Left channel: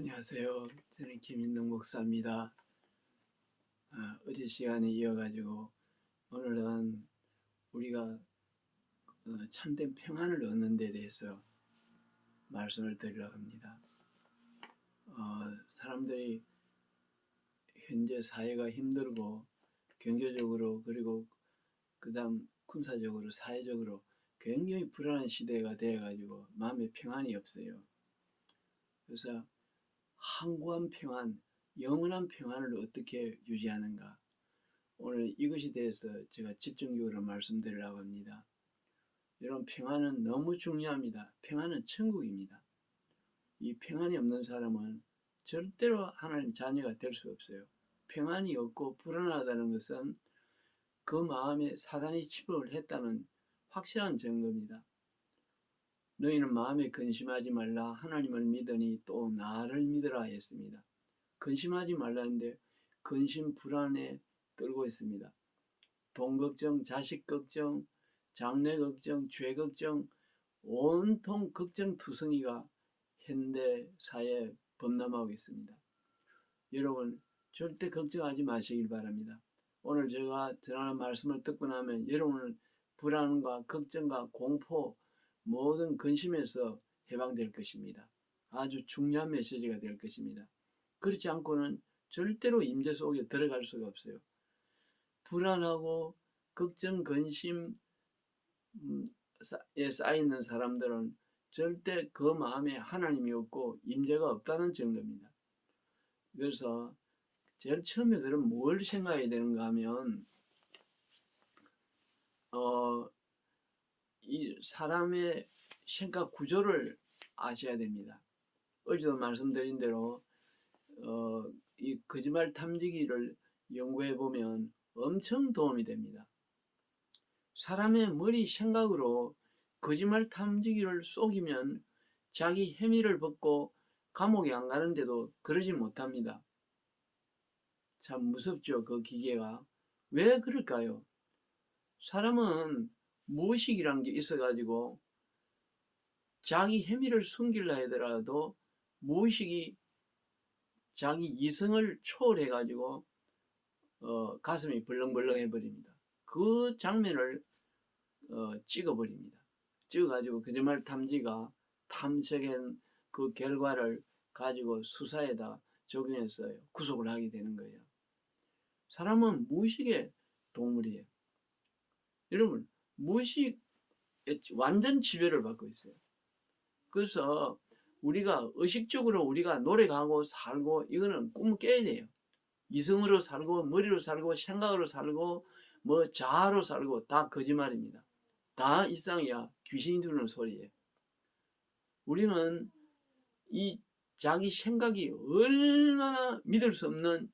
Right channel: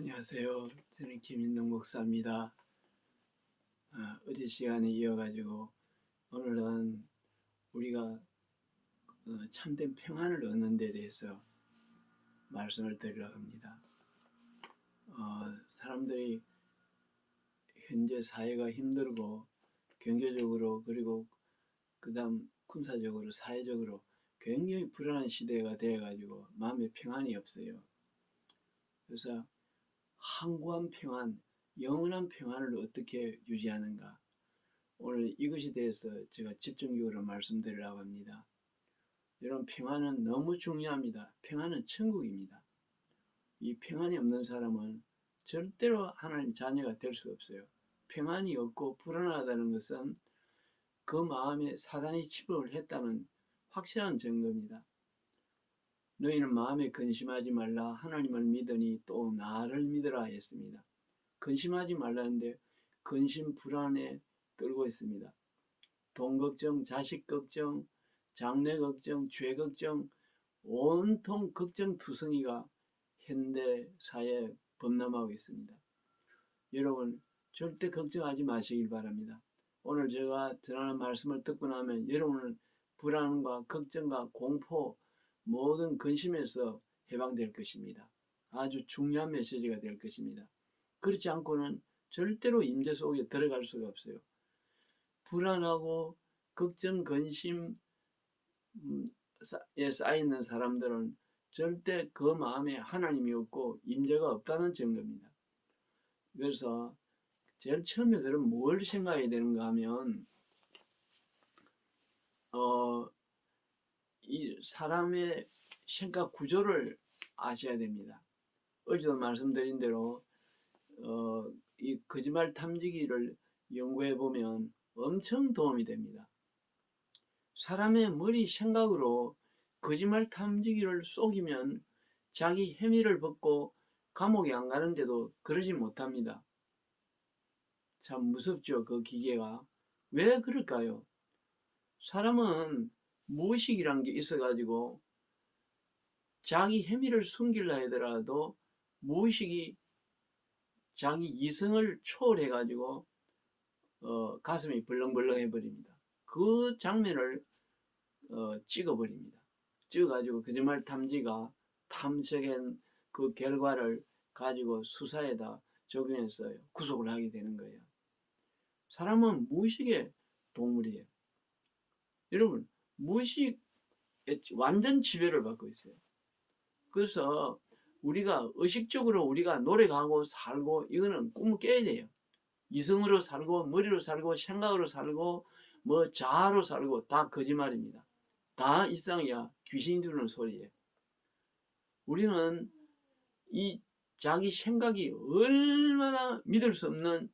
안녕하세요. 저는 김인동 목사입니다. 어제 시간에 이어가지고 오늘은 우리가 참된 평안을 얻는 데 대해서 말씀을 드리려고 합니다. 사람들이 현재 사회가 힘들고 경제적으로 그리고 그 다음 군사적으로 사회적으로 굉장히 불안한 시대가 되어가지고 마음에 평안이 없어요. 그래서 항구한 평안, 영원한 평안을 어떻게 유지하는가, 오늘 이것에 대해서 제가 집중적으로 말씀드리려고 합니다. 여러분, 평안은 너무 중요합니다. 평안은 천국입니다. 이 평안이 없는 사람은 절대로 하나님 자녀가 될 수 없어요. 평안이 없고 불안하다는 것은 그 마음에 사단이 침입을 했다는 확실한 증거입니다. 너희는 마음에 근심하지 말라. 하나님을 믿으니 또 나를 믿으라 했습니다. 근심하지 말라는데 근심 불안에 떨고 있습니다. 돈 걱정, 자식 걱정, 장래 걱정, 죄 걱정, 온통 걱정투성이가 현대 사회에 범람하고 있습니다. 여러분, 절대 걱정하지 마시길 바랍니다. 오늘 제가 전하는 말씀을 듣고 나면 여러분은 불안과 걱정과 공포, 모든 근심에서 해방될 것입니다. 아주 중요한 메시지가 될 것입니다. 그렇지 않고는 절대로 임재 속에 들어갈 수가 없어요. 불안하고 걱정, 근심에 쌓이는 사람들은 절대 그 마음에 하나님이 없고 임재가 없다는 증거입니다. 그래서 제일 처음에 그럼 뭘 생각해야 되는가 하면 이 사람의 생각 구조를 아셔야 됩니다. 어제도 말씀드린 대로 이 거짓말 탐지기를 연구해 보면 엄청 도움이 됩니다. 사람의 머리 생각으로 거짓말 탐지기를 속이면 자기 혐의를 벗고 감옥에 안 가는데도 그러지 못합니다. 참 무섭죠, 그 기계가. 왜 그럴까요? 사람은 무의식이란 게 있어가지고 자기 혐의를 숨기려 하더라도 무의식이 자기 이성을 초월해가지고 가슴이 벌렁벌렁해 버립니다. 그 장면을 찍어버립니다. 찍어가지고 거짓말 탐지가 탐색한 그 결과를 가지고 수사에다 적용해서 구속을 하게 되는 거예요. 사람은 무의식의 동물이에요. 여러분, 무의식에 완전 지배를 받고 있어요. 그래서 우리가 의식적으로 우리가 노력하고 살고 이거는 꿈을 깨야 돼요. 이성으로 살고 머리로 살고 생각으로 살고 뭐 자아로 살고 다 거짓말입니다. 다 일상이야. 귀신이 들는 소리예요. 우리는 이 자기 생각이 얼마나 믿을 수 없는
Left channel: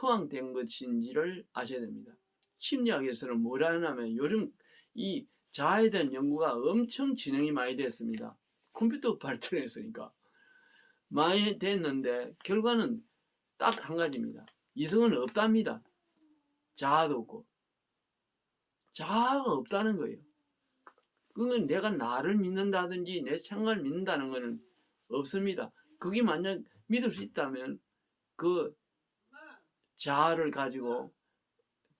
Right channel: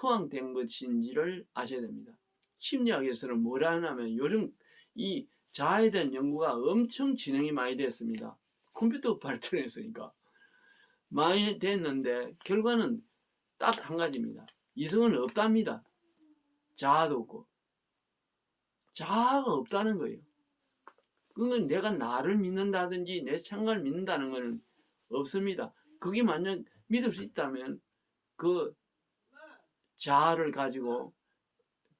허황된 것인지를 아셔야 됩니다. 심리학에서는 뭐라 하냐면 요즘 이 자아에 대한 연구가 엄청 진행이 많이 됐습니다. 컴퓨터 발전했으니까 많이 됐는데 결과는 딱 한 가지입니다. 이성은 없답니다. 자아도 없고 자아가 없다는 거예요. 그건 내가 나를 믿는다든지 내 생각을 믿는다는 것은 없습니다. 그게 만약 믿을 수 있다면 그 자아를 가지고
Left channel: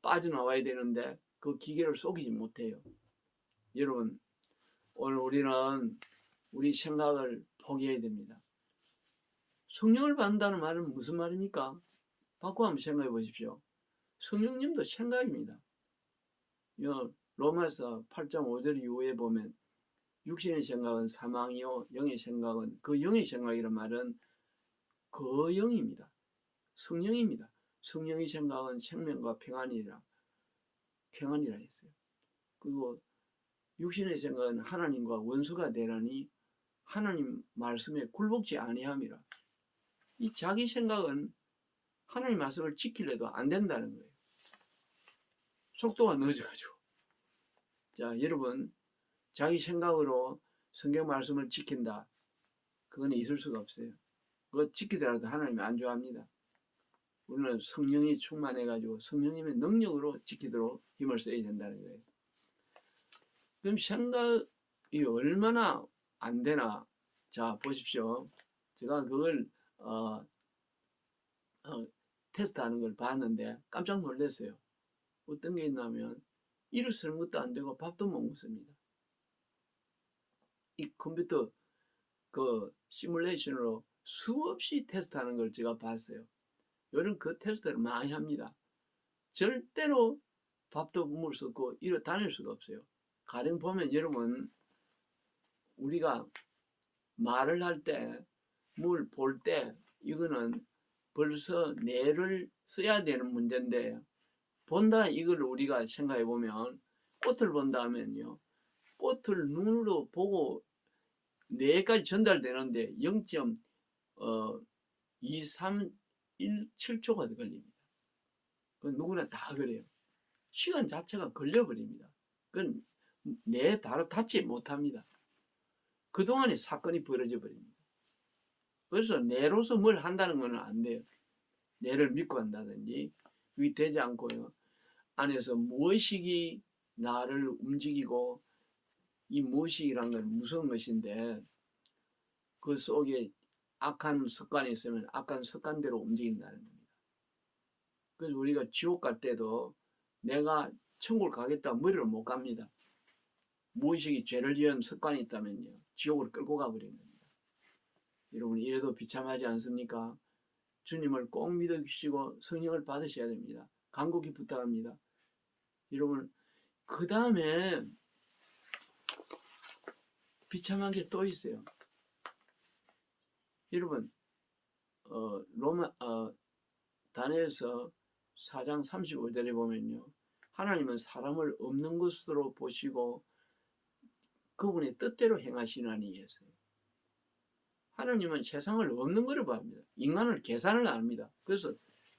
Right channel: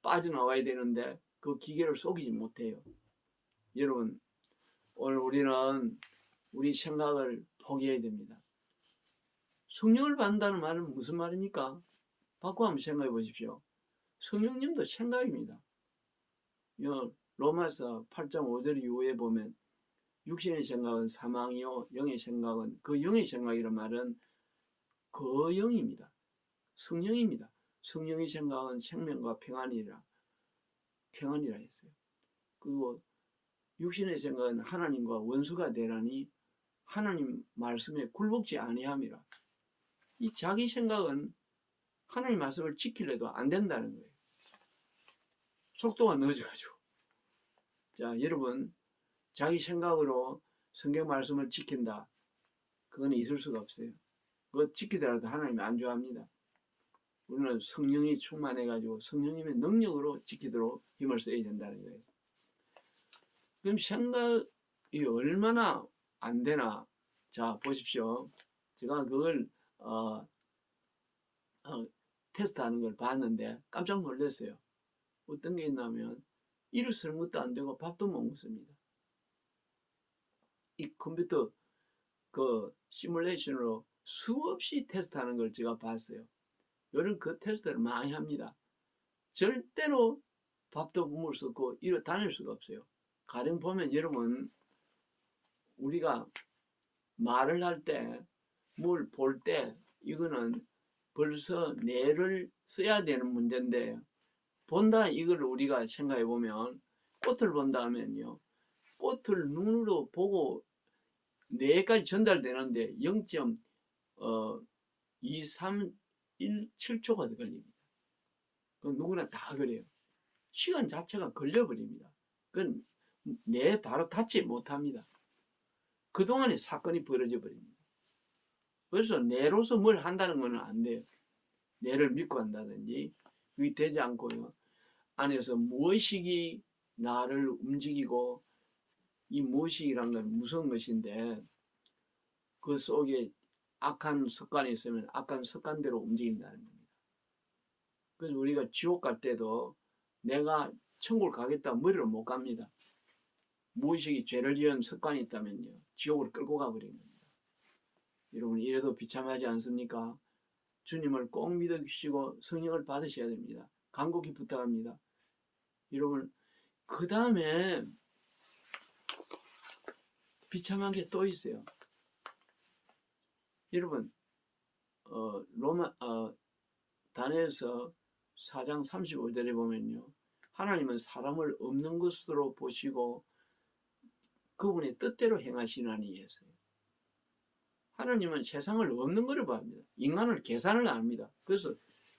빠져나와야 되는데 그 기계를 속이지 못해요. 여러분, 오늘 우리는 우리 생각을 포기해야 됩니다. 성령을 받는다는 말은 무슨 말입니까? 바꿔 한번 생각해 보십시오. 성령님도 생각입니다. 로마서 8장 5절 이후에 보면 육신의 생각은 사망이요 영의 생각은, 그 영의 생각이란 말은 그 영입니다. 성령입니다. 성령의 생각은 생명과 평안이라 했어요. 그리고 육신의 생각은 하나님과 원수가 되라니 하나님 말씀에 굴복지 아니함이라. 이 자기 생각은 하나님 말씀을 지키려도 안 된다는 거예요. 속도가 늦어가지고. 자, 여러분, 자기 생각으로 성경 말씀을 지킨다. 그건 있을 수가 없어요. 그거 지키더라도 하나님이 안 좋아합니다. 우리는 성령이 충만해가지고 성령님의 능력으로 지키도록 힘을 써야 된다는 거예요. 그럼 생각이 얼마나 안 되나? 자, 보십시오. 제가 그걸 어, 테스트하는 걸 봤는데 깜짝 놀랐어요. 어떤 게 있냐면 일어서는 것도 안 되고 밥도 못 먹습니다. 이 컴퓨터 그 시뮬레이션으로 수없이 테스트하는 걸 제가 봤어요. 요즘 그 테스트를 많이 합니다. 절대로 밥도 먹을 수 없고 일어 다닐 수가 없어요. 가령 보면 여러분 우리가 말을 할 때, 뭘 볼 때 이거는 벌써 뇌를 써야 되는 문제인데 본다 이걸 우리가 생각해 보면 꽃을 본다 하면요. 꽃을 눈으로 보고 뇌까지 전달되는데 0.2317초가 걸립니다. 그 누구나 다 그래요. 시간 자체가 걸려버립니다. 그건 뇌 바로 닿지 못합니다. 그동안에 사건이 벌어져 버립니다. 그래서 뇌로서 뭘 한다는 건 안 돼요. 뇌를 믿고 한다든지 그게 되지 않고요. 안에서 무의식이 나를 움직이고 이 무의식이란 건 무서운 것인데 그 속에 악한 습관이 있으면 악한 습관대로 움직인다는 겁니다. 그래서 우리가 지옥 갈 때도 내가 천국을 가겠다 머리로 못 갑니다. 무의식이 죄를 지은 습관이 있다면요. 지옥으로 끌고 가버린 겁니다. 여러분 이래도 비참하지 않습니까? 주님을 꼭 믿으시고 성령을 받으셔야 됩니다. 간곡히 부탁합니다. 여러분 그 다음에 비참한 게 또 있어요. 여러분 다니엘서 4장 35절에 보면요. 하나님은 사람을 없는 것으로 보시고 그분의 뜻대로 행하시나니 했어요. 하나님은 세상을 없는 거로 봅니다. 인간을 계산을 안 합니다. 그래서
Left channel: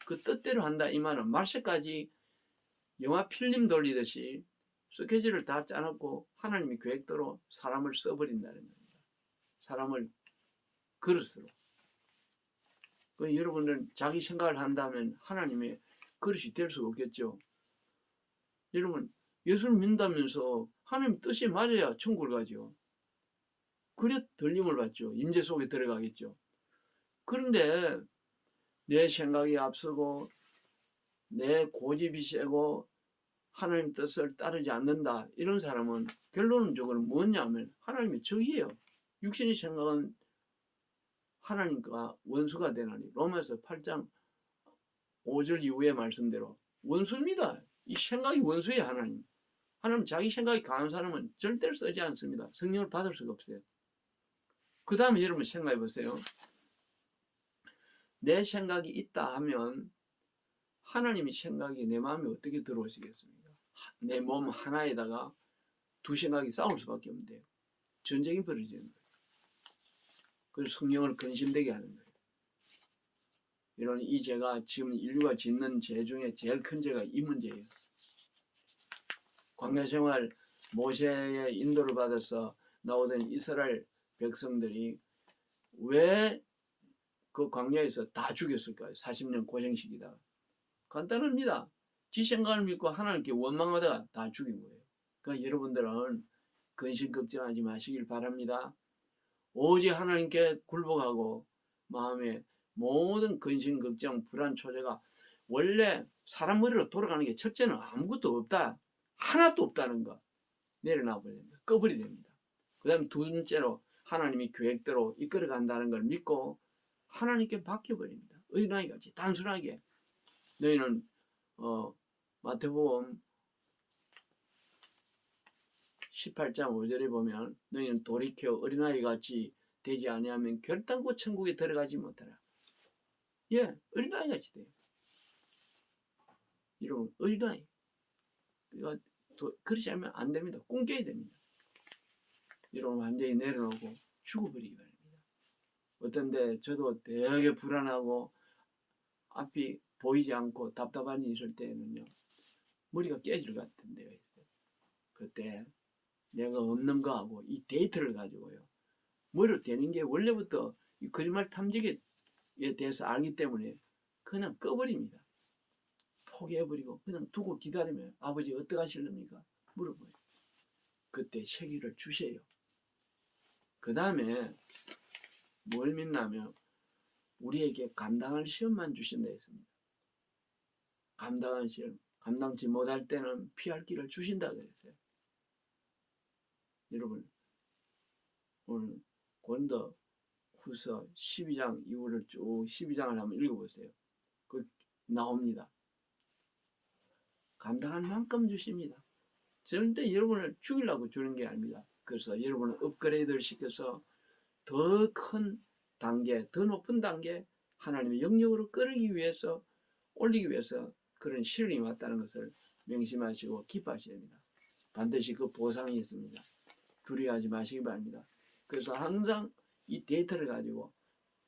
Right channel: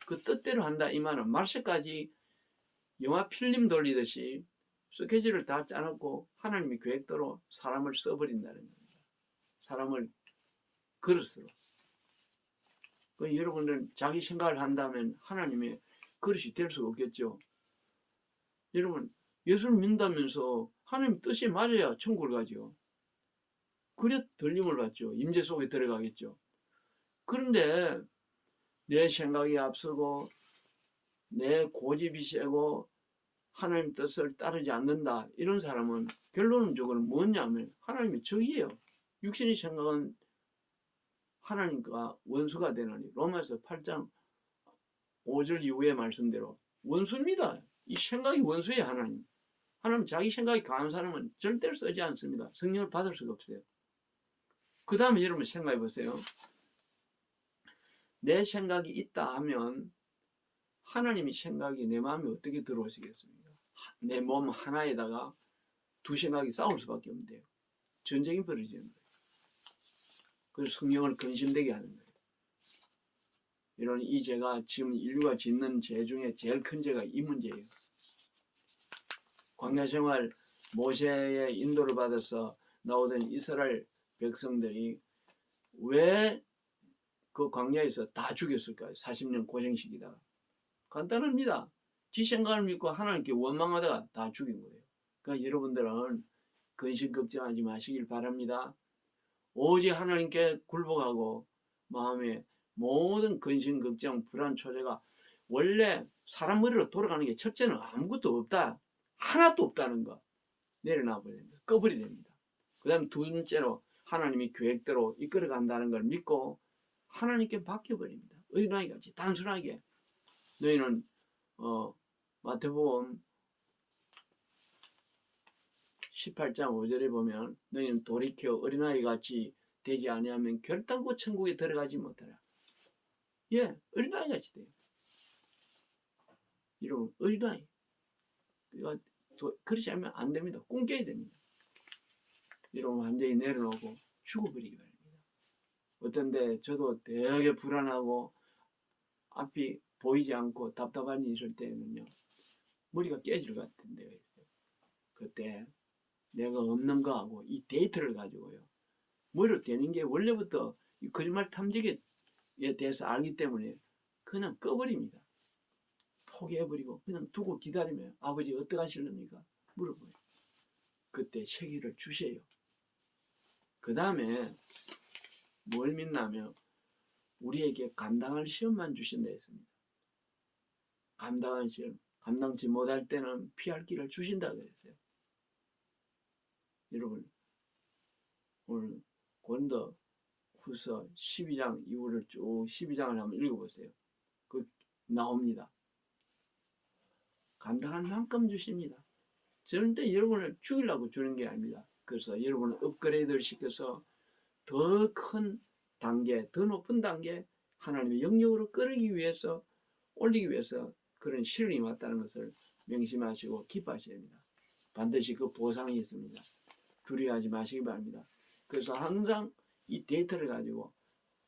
그 뜻대로 한다 이 말은 말세까지 영화 필름 돌리듯이 스케줄을 다 짜놓고 하나님의 계획대로 사람을 써버린다는 겁니다. 사람을 그릇으로. 그 여러분들은 자기 생각을 한다면 하나님의 그릇이 될 수가 없겠죠. 여러분 예수를 믿는다면서 하나님 뜻이 맞아야 천국을 가죠. 그래 들림을 받죠. 임재 속에 들어가겠죠. 그런데 내 생각이 앞서고 내 고집이 세고 하나님 뜻을 따르지 않는다. 이런 사람은 결론적으로 뭐냐면 하나님의 적이에요. 육신의 생각은 하나님과 원수가 되나니 로마서 8장 5절 이후의 말씀대로 원수입니다. 이 생각이 원수예요. 하나님. 하나님 자기 생각이 강한 사람은 절대로 쓰지 않습니다. 성령을 받을 수가 없어요. 그 다음에 여러분 생각해 보세요. 내 생각이 있다 하면 하나님의 생각이 내 마음에 어떻게 들어오시겠습니까? 내 몸 하나에다가 두 생각이 싸울 수밖에 없는데요. 전쟁이 벌어지는 거예요. 그래서 성령을 근심되게 하는 거예요. 이런 이 죄가 지금 인류가 짓는 죄 중에 제일 큰 죄가 이 문제예요. 광야 생활 모세의 인도를 받아서 나오던 이스라엘 백성들이 왜 그 광야에서 다 죽였을까요? 40년 고생시키다가. 간단합니다. 지 생각을 믿고 하나님께 원망하다가 다 죽인 거예요. 그러니까 여러분들은 근심 걱정하지 마시길 바랍니다. 오직 하나님께 굴복하고 마음에 모든 근심 걱정 불안 초조가 원래 사람 머리로 돌아가는 게 첫째는 아무것도 없다. 하나도 없다는 거 내려놔 버려야 됩니다. 꺼버려야 됩니다. 그 다음에 두 번째로 하나님이 계획대로 이끌어간다는 걸 믿고 하나님께 맡겨버립니다. 어린아이같이 단순하게 너희는 마태복음 18장 5절에 보면 너희는 돌이켜 어린아이같이 되지 아니하면 결단코 천국에 들어가지 못하라. 예, 어린아이같이 돼요. 이러면 어린아이. 그렇지 않으면 안 됩니다. 꿈깨야 됩니다. 이러면 완전히 내려놓고 죽어버리기 바랍니다. 어떤데 저도 되게 불안하고 앞이 보이지 않고 답답한 일 있을 때는요. 머리가 깨질 것 같은 데가 있어요. 그때 내가 없는 거하고 이 데이터를 가지고요. 머리로 되는 게 원래부터 이 거짓말 탐지기에 대해서 알기 때문에 그냥 꺼버립니다. 포기해버리고 그냥 두고 기다리면 아버지 어떻게 하실랍니까? 물어봐요. 그때 세기를 주세요. 그 다음에 뭘 믿냐면 우리에게 감당할 시험만 주신다 했습니다. 감당할 시험, 감당치 못할 때는 피할 길을 주신다 그랬어요. 여러분, 오늘 고린도 후서 12장 이후를 쭉 12장을 한번 읽어보세요. 그 나옵니다. 감당할 만큼 주십니다. 절대 여러분을 죽이려고 주는 게 아닙니다. 그래서 여러분을 업그레이드를 시켜서 더 큰 단계, 더 높은 단계 하나님의 영역으로 끌기 위해서, 올리기 위해서 그런 시련이 왔다는 것을 명심하시고 기뻐하셔야 됩니다. 반드시 그 보상이 있습니다. 두려워하지 마시기 바랍니다. 그래서 항상 이 데이터를 가지고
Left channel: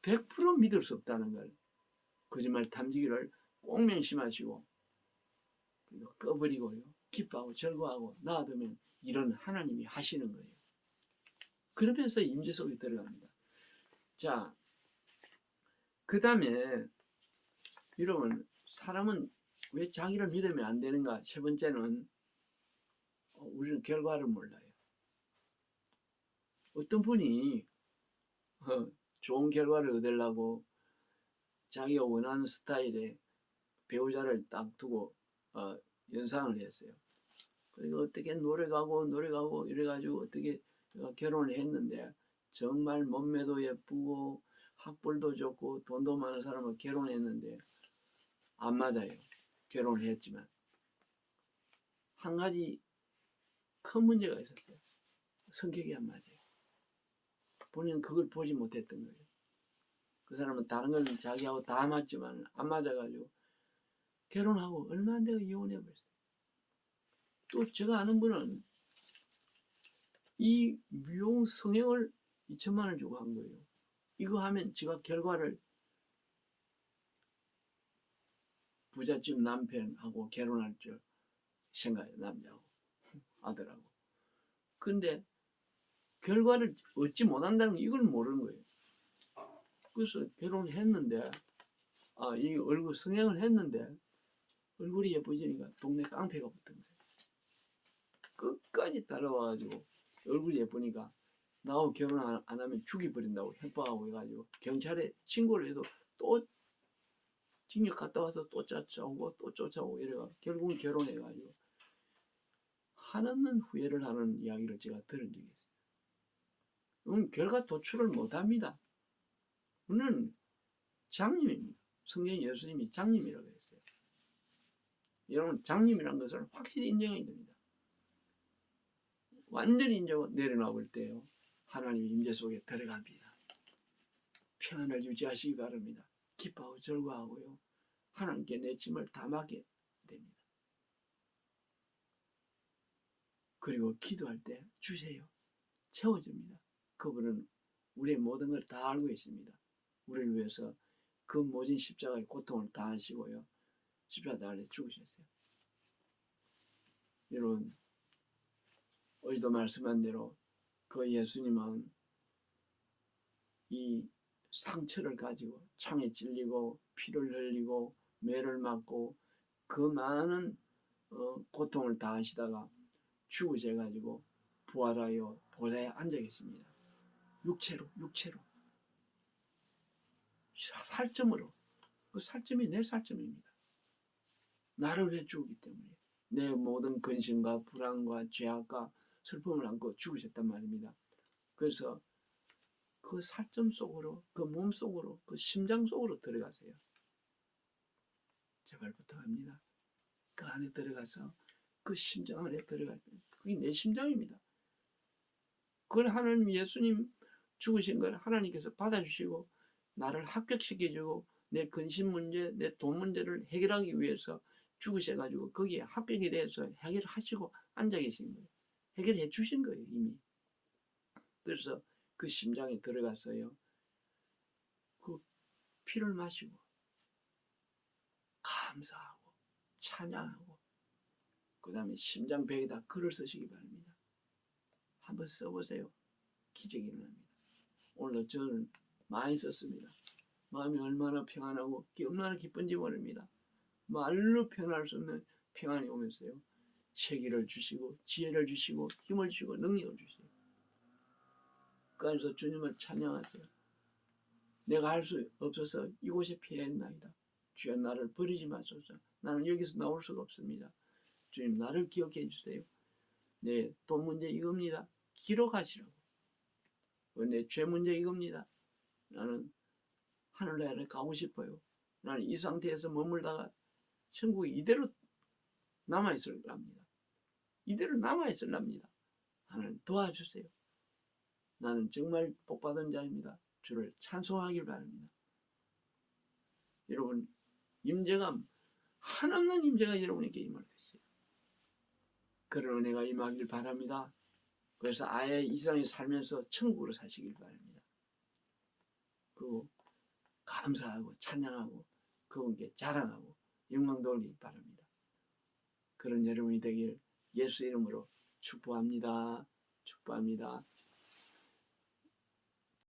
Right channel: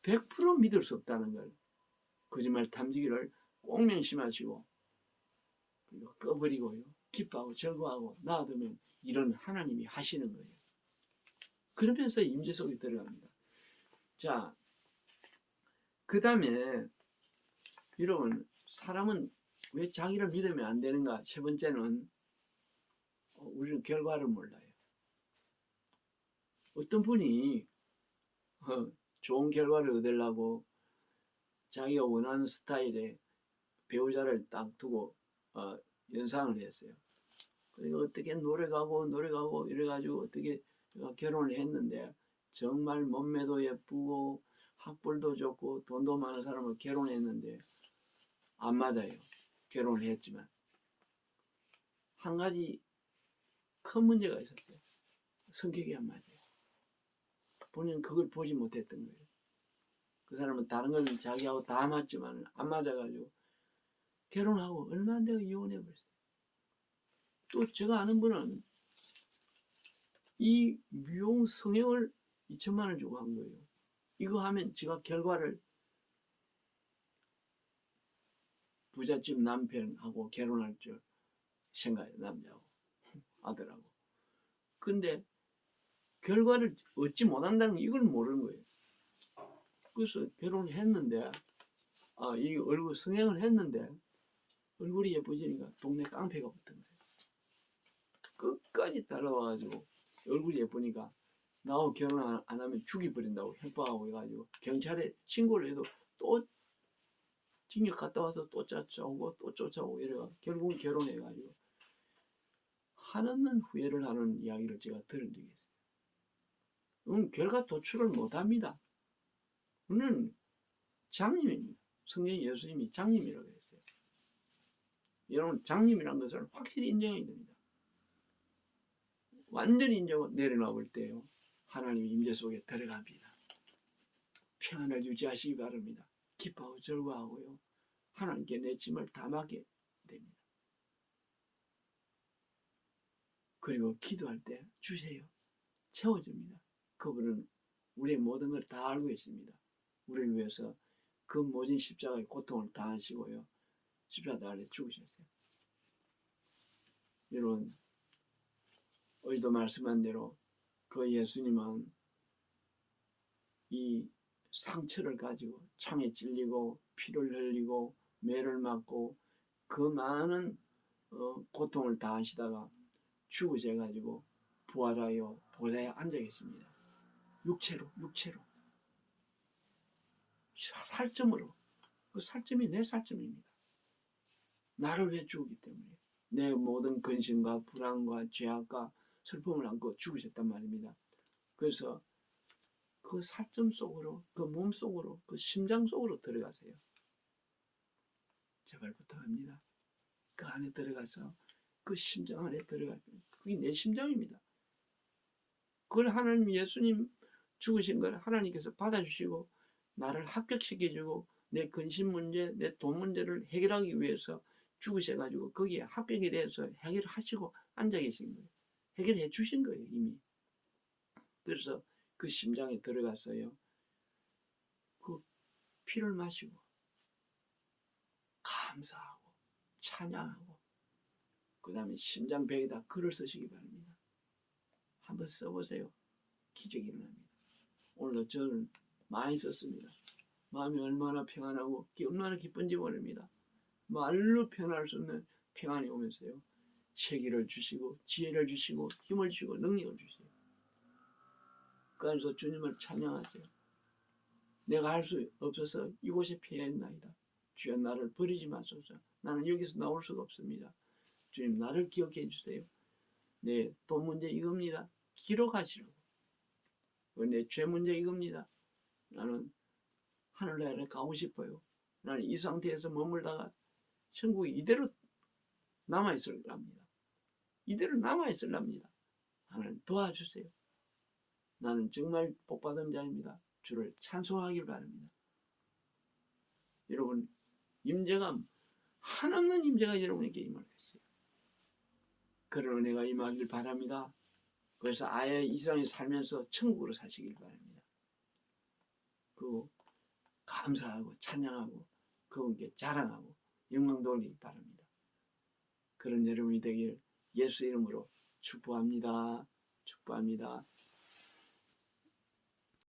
100% 믿을 수 없다는 걸, 거짓말 탐지기를 꼭 명심하시고 꺼버리고요. 기뻐하고 즐거워하고 놔두면 이런 하나님이 하시는 거예요. 그러면서 임재 속에 들어갑니다. 자, 그 다음에 여러분, 사람은 왜 자기를 믿으면 안 되는가? 세 번째는 우리는 결과를 몰라요. 어떤 분이 좋은 결과를 얻으려고 자기가 원하는 스타일의 배우자를 딱 두고 연상을 했어요. 그리고 어떻게 노력하고 이래가지고 어떻게 결혼을 했는데 정말 몸매도 예쁘고 학벌도 좋고 돈도 많은 사람을 결혼했는데 안 맞아요. 결혼을 했지만 한 가지 큰 문제가 있었어요. 성격이 안 맞아요. 본인은 그걸 보지 못했던 거예요. 그 사람은 다른 건 자기하고 다 맞지만 안 맞아가지고 결혼하고 얼마 안 되고 이혼해버렸어요. 또 제가 아는 분은 이 미용 성형을 2천만 원 주고 한 거예요. 이거 하면 제가 결과를 부잣집 남편하고 결혼할 줄 생각해요. 남자하고 아들하고. 근데 결과를 얻지 못한다는 이걸 모르는 거예요. 그래서 결혼을 했는데 이 얼굴 성형을 했는데 얼굴이 예뻐지니까 동네 깡패가 붙은 거예요. 끝까지 따라와가지고 얼굴이 예쁘니까 나하고 결혼 안 하면 죽여버린다고 협박하고 해가지고 경찰에 신고를 해도 또 징역 갔다 와서 또 쫓아오고 이래가 결국은 결혼해가지고 한없는 후회를 하는 이야기를 제가 들은 적이 있어요. 결과 도출을 못합니다. 우리는 장님입니다. 성경 예수님이 장님이라고 했어요. 여러분 장님이라는 것을 확실히 인정해야 됩니다. 완전히 인정하고 내려놔볼 때요. 하나님의 임재 속에 들어갑니다. 평안을 유지하시기 바랍니다. 기뻐하고 즐거워하고요. 하나님께 내 짐을 다 맡게 됩니다. 그리고 기도할 때 주세요. 채워집니다. 그분은 우리의 모든 걸 다 알고 있습니다. 우리를 위해서 그 모진 십자가의 고통을 다 하시고요. 십자가 아래 죽으셨어요. 여러분, 어제도 말씀한 대로 그 예수님은 이 상처를 가지고 창에 찔리고 피를 흘리고 매를 맞고 그 많은 고통을 다 하시다가 죽으셔가지고 부활하여 보좌에 앉아 계십니다. 육체로 살점으로. 그 살점이 내 살점입니다. 나를 위해 죽었기 때문에 내 모든 근심과 불안과 죄악과 슬픔을 안고 죽으셨단 말입니다. 그래서 그 살점 속으로, 그 몸 속으로, 그 심장 속으로 들어가세요. 제발 부탁합니다. 그 안에 들어가서 그 심장 안에 들어가요. 그게 내 심장입니다. 그걸 하나님 예수님 죽으신 걸 하나님께서 받아주시고 나를 합격시켜주고 내 근심 문제, 내 돈 문제를 해결하기 위해서 죽으셔가지고 거기에 합격이 돼서 해결하시고 앉아 계신 거예요. 해결해 주신 거예요, 이미. 그래서 그 심장에 들어가서요. 그 피를 마시고 감사하고 찬양하고 그 다음에 심장벽에다 글을 쓰시기 바랍니다. 한번 써보세요. 기적이 일어납니다. 오늘 저는 많이 썼습니다. 마음이 얼마나 평안하고 얼마나 기쁜지 모릅니다. 말로 표현할 수 없는 평안이 오면서요. 세기를 주시고 지혜를 주시고 힘을 주시고 능력을 주세요. 그래서 주님을 찬양하세요. 내가 할 수 없어서 이곳에 피했나이다. 주여 나를 버리지 마소서. 나는 여기서 나올 수가 없습니다. 주님 나를 기억해 주세요. 내 돈 문제 이겁니다. 기록하시라고. 내 죄 문제 이겁니다. 나는 하늘나라에 가고 싶어요. 나는 이 상태에서 머물다가 천국에 이대로 남아있으랍니다. 이대로 남아있으랍니다. 하나님 도와주세요. 나는 정말 복받은 자입니다. 주를 찬송하길 바랍니다. 여러분 임재가 한없는 임재가 여러분에게 임할 것이에요. 그런 은혜가 임하길 바랍니다. 그래서 아예 이 세상에 살면서 천국으로 사시길 바랍니다. 그리고 감사하고 찬양하고 그분께 자랑하고 영광 돌리기 바랍니다. 그런 여러분이 되길 예수 이름으로 축복합니다. 축복합니다.